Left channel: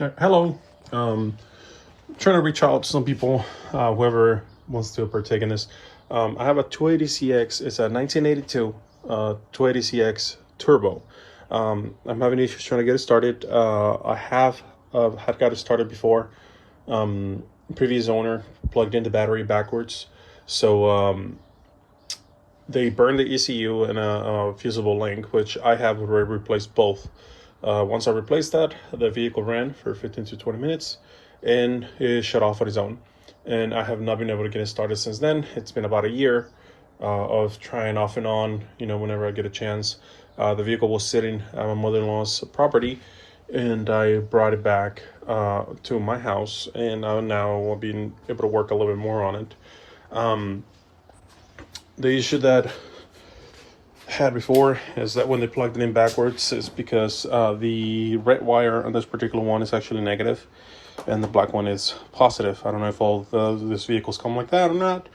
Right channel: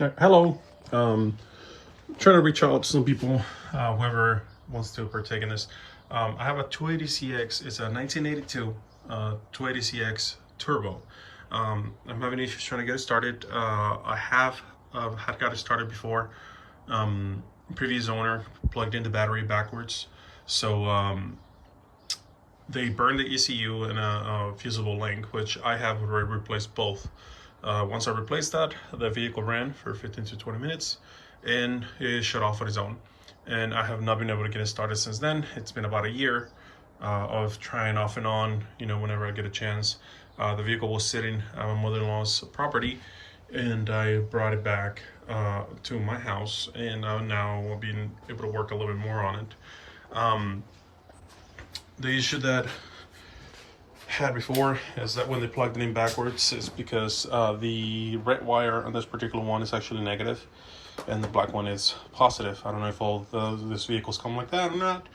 Hello. Trying to reach out to some people, whoever wants to partake in this. I have a 280CX. It's a 1982 280CX Turbo. I'm having issues trying to get it started. I have had got it started before. Previous owner plugged in the battery backwards, so they burned the ECU and a fusible link, which I have already replaced both. Once I replaced that, the vehicle ran for 15 to 20 minutes and it shut off on its own. And I have not been able to get it started since then. It's been about a year of trying off and on, whenever I get a chance. The vehicle was sitting at my mother-in-law's property, and I brought it back to my house, and now I've been able to work a little bit more on it. The issue that had before is that when they plugged it in backwards is because the red wire on this particular one is actually negative and the black one is positive. I don't know if all these vehicles come like that or not,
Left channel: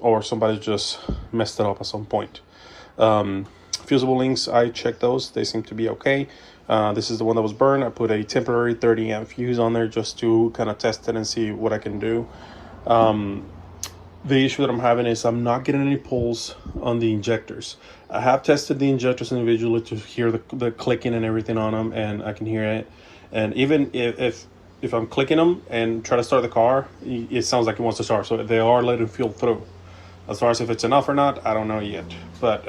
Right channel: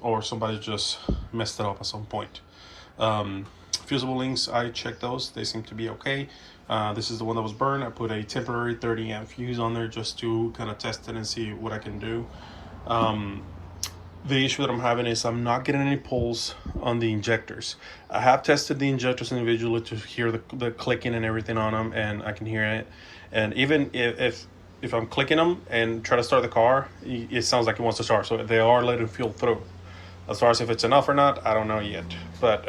or somebody just messed it up at some point. Fusible links, I checked those, they seem to be okay. This is the one that was burned. I put a temporary 30 amp fuse on there just to kind of test it and see what I can do. The issue that I'm having is I'm not getting any pulls on the injectors. I have tested the injectors individually to hear the clicking and everything on them, and I can hear it. And even if I'm clicking them and try to start the car, it sounds like it wants to start. So they are letting fuel through. As far as if it's enough or not, I don't know yet. But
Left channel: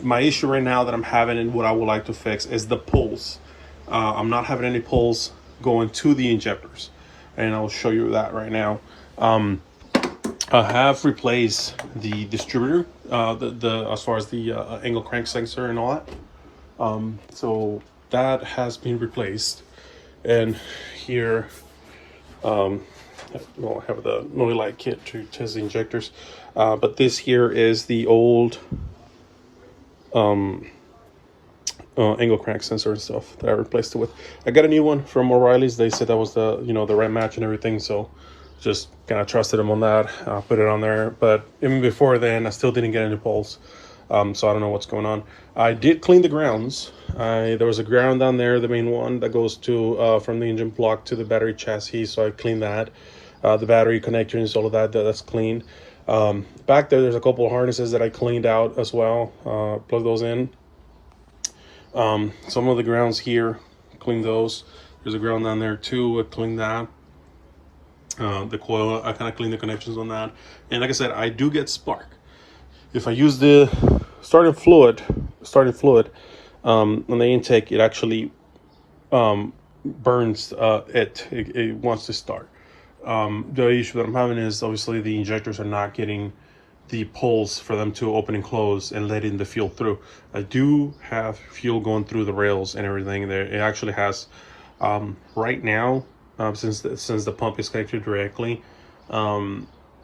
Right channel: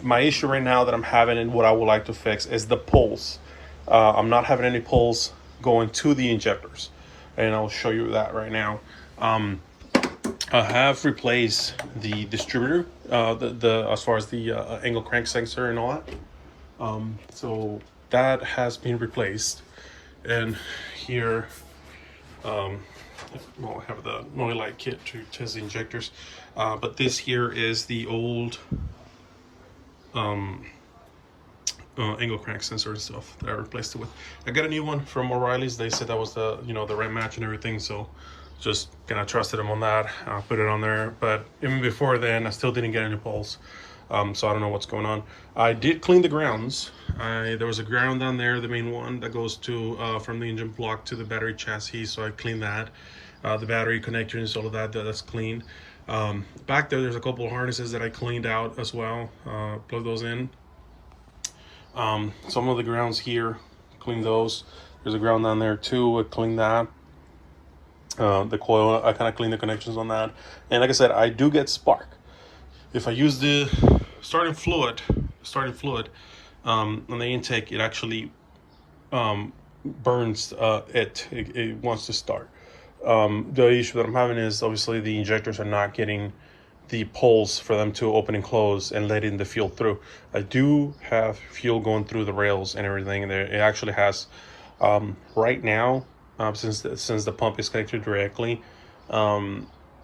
my issue right now that I'm having and what I would like to fix is the pulls. I'm not having any pulls going to the injectors, and I'll show you that right now. I have replaced the distributor, as far as the angle crank sensor and all that. So that has been replaced. And here, we'll have the noise light kit to test the injectors. But this here is the old angle crank sensor and stuff that I replaced it with. I got a new one from O'Reilly's. They said that was the the right match and everything, so just kind of trusted them on that. Put it on there, but even before then I still didn't get any pulls. So I don't know what's going on. I did clean the grounds. There was a ground down there, the main one that goes to from the engine block to the battery chassis, so I cleaned that. The battery connectors, all of that's cleaned. Back there's a couple of harnesses that I cleaned out as well. Plug those in. Some of the grounds here, cleaned those. There's a ground down there too, I cleaned that. The coil, I kind of clean the connections on that. And like I said, I do get spark if I use the starting fluid on the intake. It actually burns it wants to start. The issue that I'm having is obviously the injectors are not getting the pulls for them to open and close and letting the fuel through. I do have fuel going through the rails and everything there. It actually has right now. Since the pump is connected directly, I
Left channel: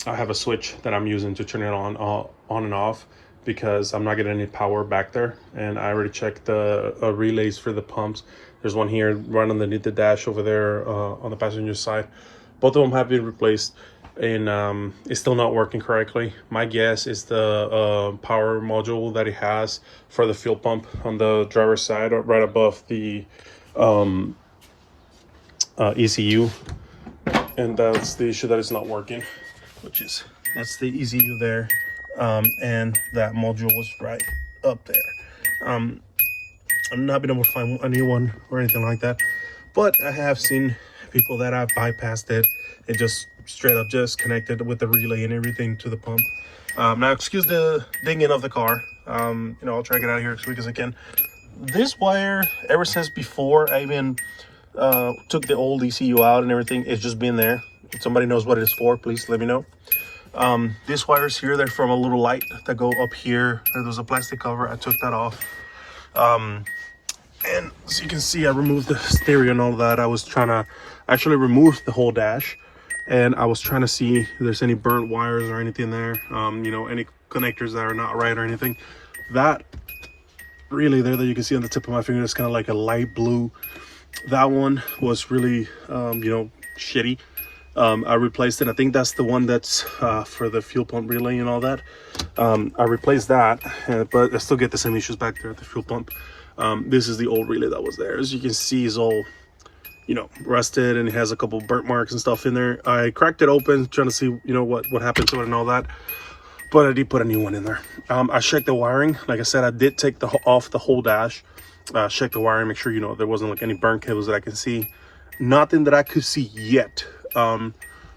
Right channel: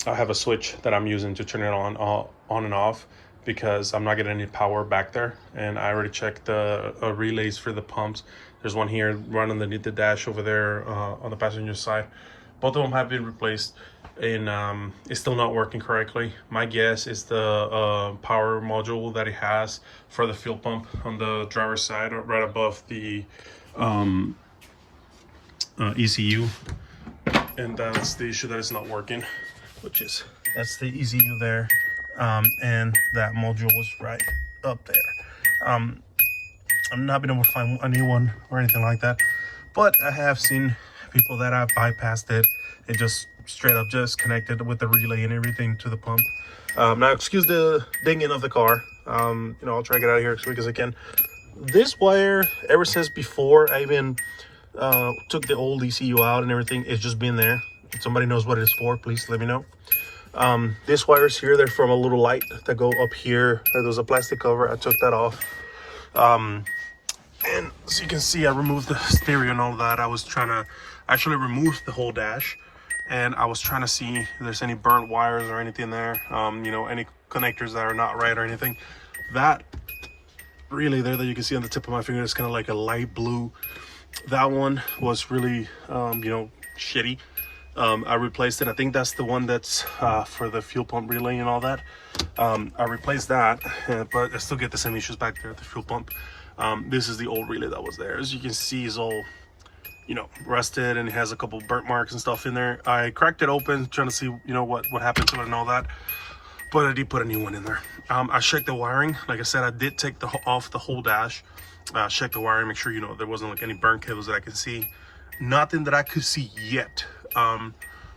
have a switch that I'm using to turn it on and off, because I'm not getting any power back there. And I already checked the relays for the pumps. There's one here running underneath the dash over there on the passenger side. Both of them have been replaced, and it's still not working correctly. My guess is the power module that it has for the fuel pump on the driver's side, right above the ECU, and that's the issue, that it's not working, that's the ECU there, and that module was right up there. I'm not been able to find a new one or anything like that, but I have seen people that have bypassed it and just straight up just connected with the relay and everything to the pump. Now excuse the dinging of the car. I'll try to get out of here as quick as I can. This wire, ever since before I even took the old ECU out and everything, it's just been there. If somebody knows what it is for, please let me know. This wires here, they're from a little light that go up here. There's a plastic cover. I took that off. And as you can see, I removed the stereo and all that. I was trying to actually remove the whole dash, and I was trying to see if there's any burnt wires or anything there, any connectors that are not right or anything. That really there that you can see on the tip of my finger is kind of like a light blue. That one was really shitty. I replaced it. I think that's the one that's for the fuel pump relay and all that. I replaced that, but I still get the same issues back there at the fuel pump. This is the old relay that was there. As you can see, it's all you know, rusted and it has a couple burnt marks and stuff in there. I cracked it open trying to see, you know, what happened to it and all that, but I did put a new one in there. I checked the wiring. Like I said, I did take off the whole dash, check the wiring, make sure, you know, there wasn't like any burnt cables that I can see. Nothing that I could see yet.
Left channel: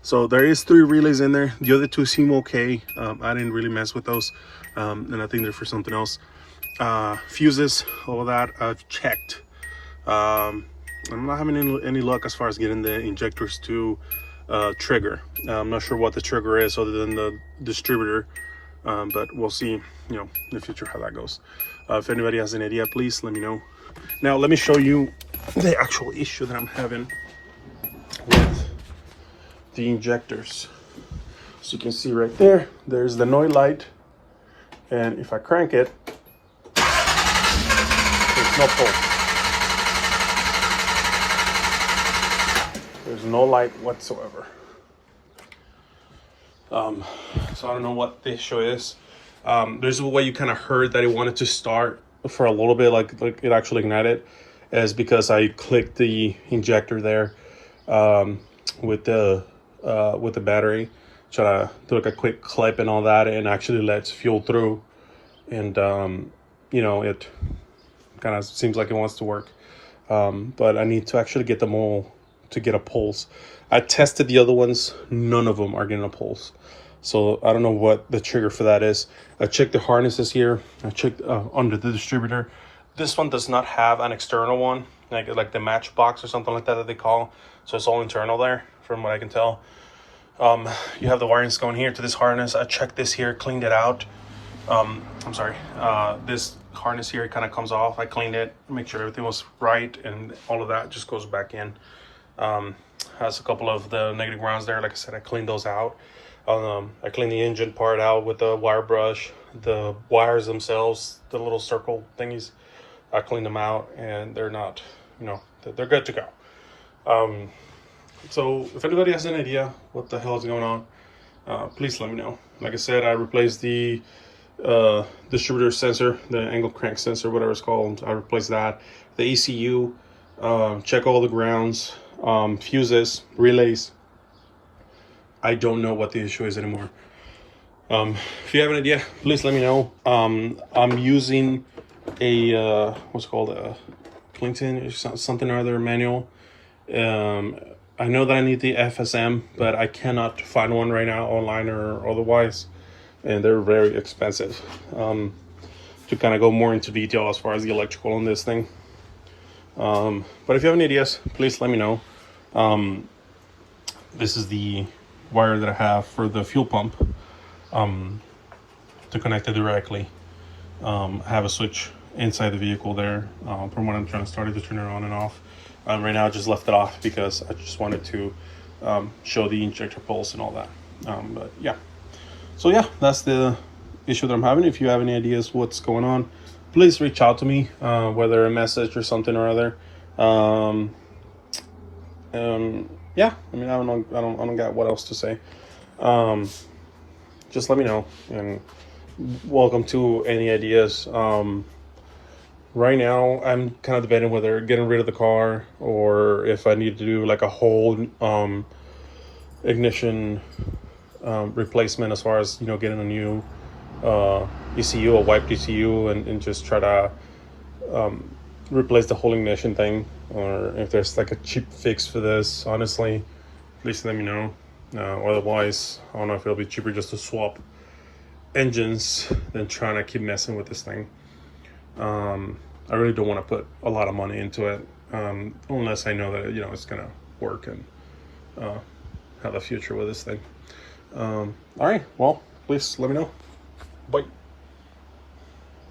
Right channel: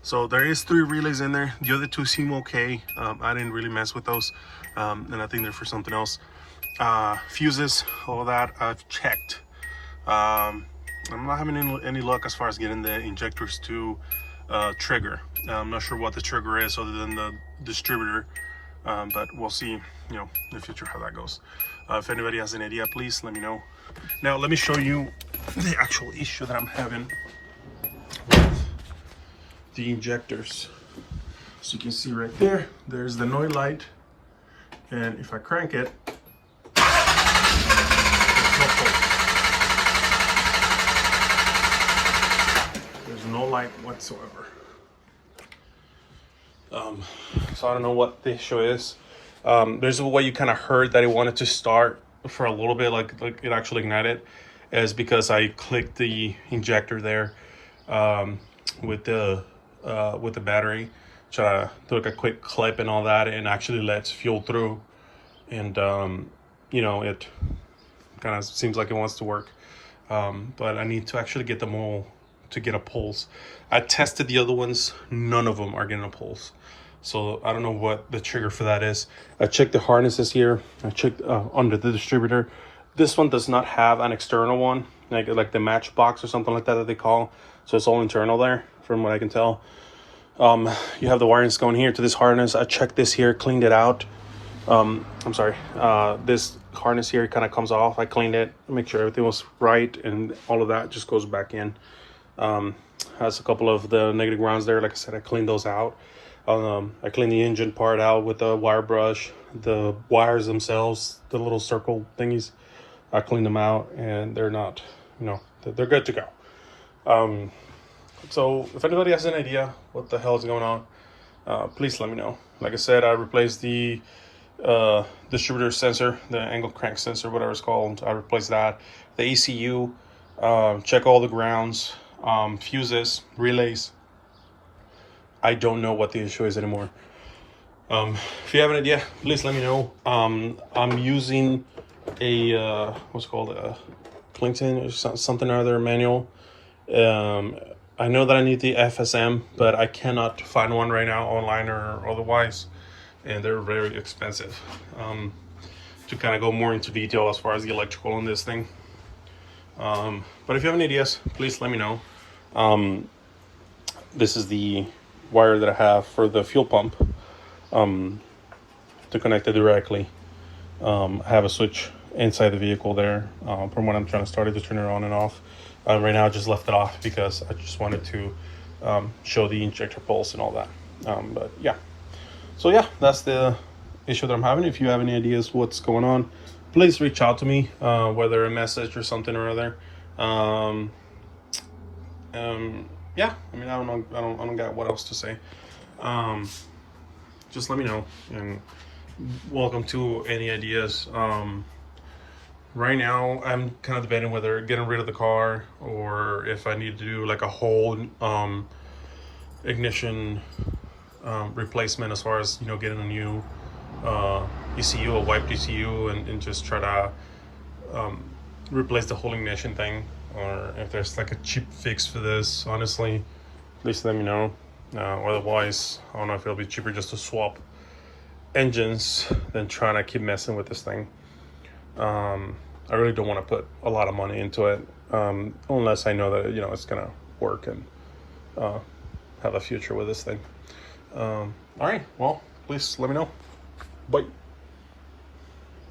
So there is 3 relays in there. The other 2 seem okay. I didn't really mess with those, and I think they're for something else. Fuses, all that I've checked. I'm not having any luck as far as getting the injectors to trigger. I'm not sure what the trigger is other than the distributor, but we'll see, you know, in the future how that goes. If anybody has an idea, please let me know. Now let me show you the actual issue that I'm having with the injectors. So you can see right there, there's the noise light, and if I crank it, there's no pulse. There's no light whatsoever. So I don't know what the issue is. There's a way you kind of heard that it wanted to start for a little bit, like it actually ignited, is because I clicked the injector there with the battery, try to do like a quick clip and all that, and actually lets fuel through, and you know, it kind of seems like it wants to work, but I need to actually get them all to get a pulse. I tested the other ones, none of them are getting a pulse, so I don't know what the trigger for that is. I checked the harnesses here, I checked under the distributor. This one does not have an external one, like the matchbox or something like that they call, so it's all internal there from what I can tell. You have the wirings going here to this harness. I checked this here, cleaned it out. I'm sorry, this harness here kind of comes off. I cleaned it, make sure everything was right, and all of that just goes back in. Has a couple of the negative grounds there. Like I said, I cleaned those out. I cleaned the engine part out with the wire brush. The wires themselves, the little circle thingies, I cleaned them out, and they're not, you know, they're good to go. So if anybody has an idea what the hell is going on, please let me know. Like I said, I replaced the distributor sensor, the angle crank sensor, whatever it's called. I replaced that. The ECU, check all the grounds, fuses, relays. I don't know what the issue is anymore. If you have an idea, please let me know. I'm using a what's it called, a Clinton or something or other manual. I know that I need the FSM, but I cannot find one right now online or otherwise, and they're very expensive. To kind of go more into detail as far as the electrical on this thing. But if you have any ideas, please let me know. This is the wire that I have for the fuel pump, to connect it directly. I have a switch inside the vehicle there, from when I'm trying to start it to turn it on and off. Right now I just left it off because I just wanted to show the injector pulse and all that. But yeah, so yeah, that's the issue that I'm having. If you have any ideas what's going on, please reach out to me, whether a message or something or other. Yeah, I mean, I don't got what else to say. Just let me know, and welcome to any ideas. Right now I'm kind of debating whether getting rid of the car or if I need to do like a whole ignition replacement, as far as, you know, getting a new ECU, a wiped ECU, and just try to replace the whole ignition thing, or if there's like a cheap fix for this. Honestly, please let me know. Otherwise, I don't know if it'll be cheaper just to swap engines than trying to keep messing with this thing. I really don't want to put a lot of money into it, unless I know that, you know, it's gonna work and have a future with this thing. All right, well, please let me know. Bye.